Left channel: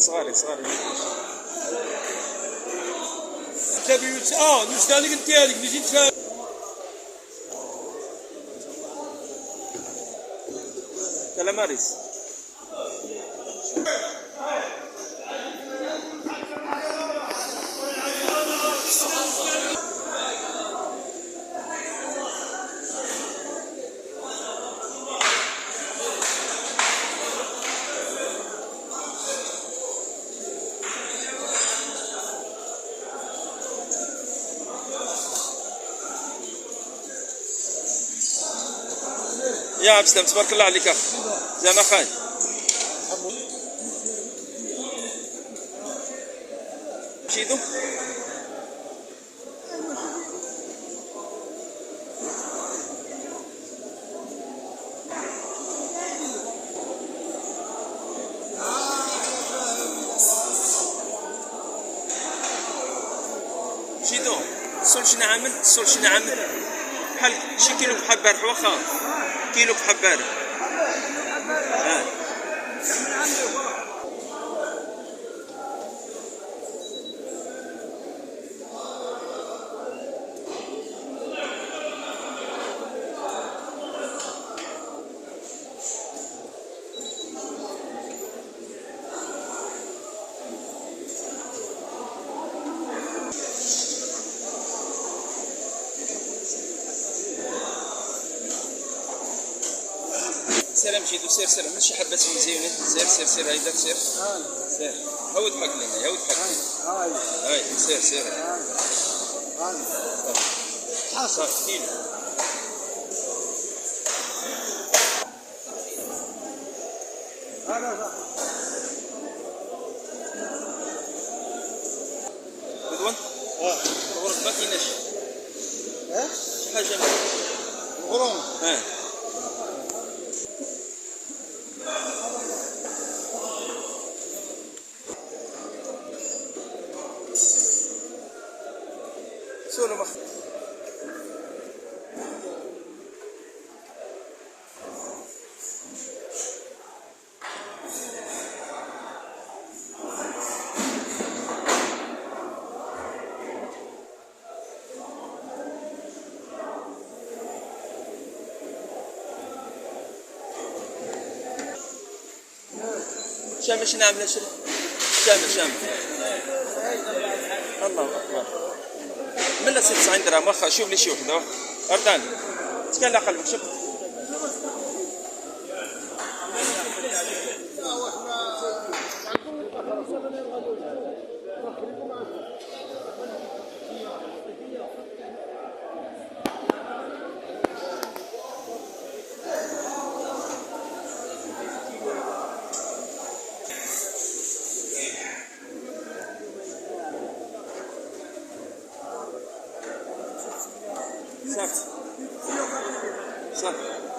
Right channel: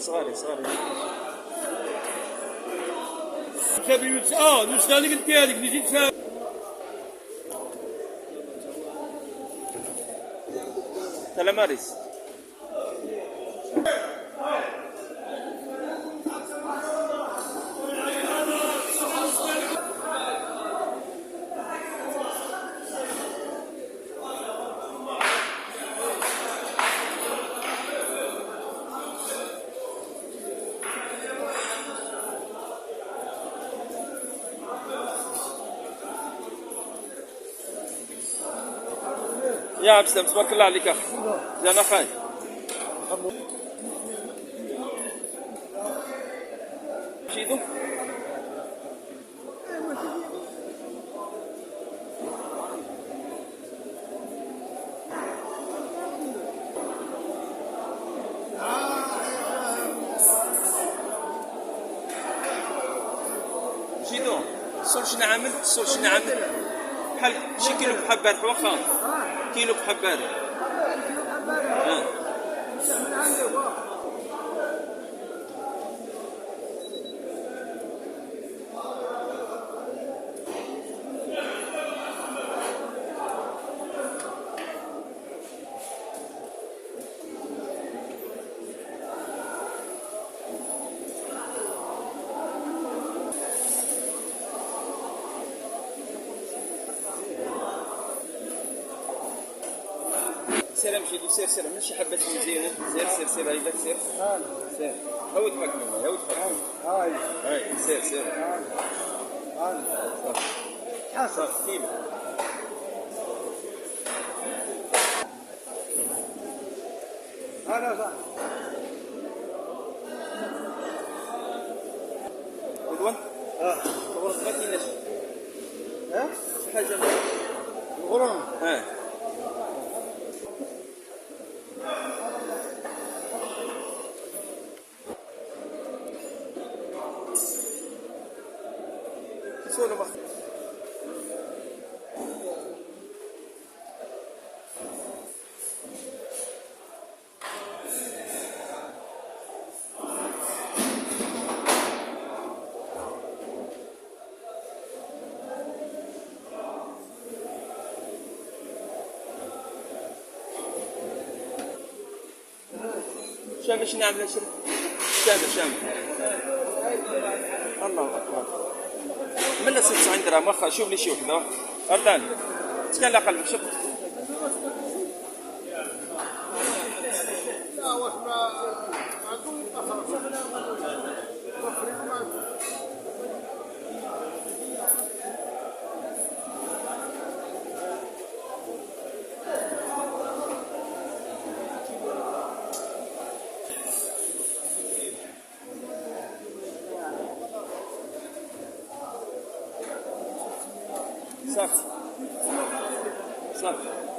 صغاري تبيوت نستهلك ديالك نجي نشاهد. تلاماريس يا عبد السلام تبارك الله عليك اخ زين اخاي. مشيتو السول شنو عامل بحال شي كيلو بحال بارح واخا كيلو بحال بارح. سير مشيتو سير من شي حبات مزيونين سير هيداك سير هاود معاك لينا هاود حق هاي سير صافي كيلو رضوان الغرف ما كايناش شي حاجه الغرام سولو مخ شامل شنو عامله شامل الله اكبر من 96 درهم واخا شوف لي شي وحده ارداني تكال على قلبك شوف صافي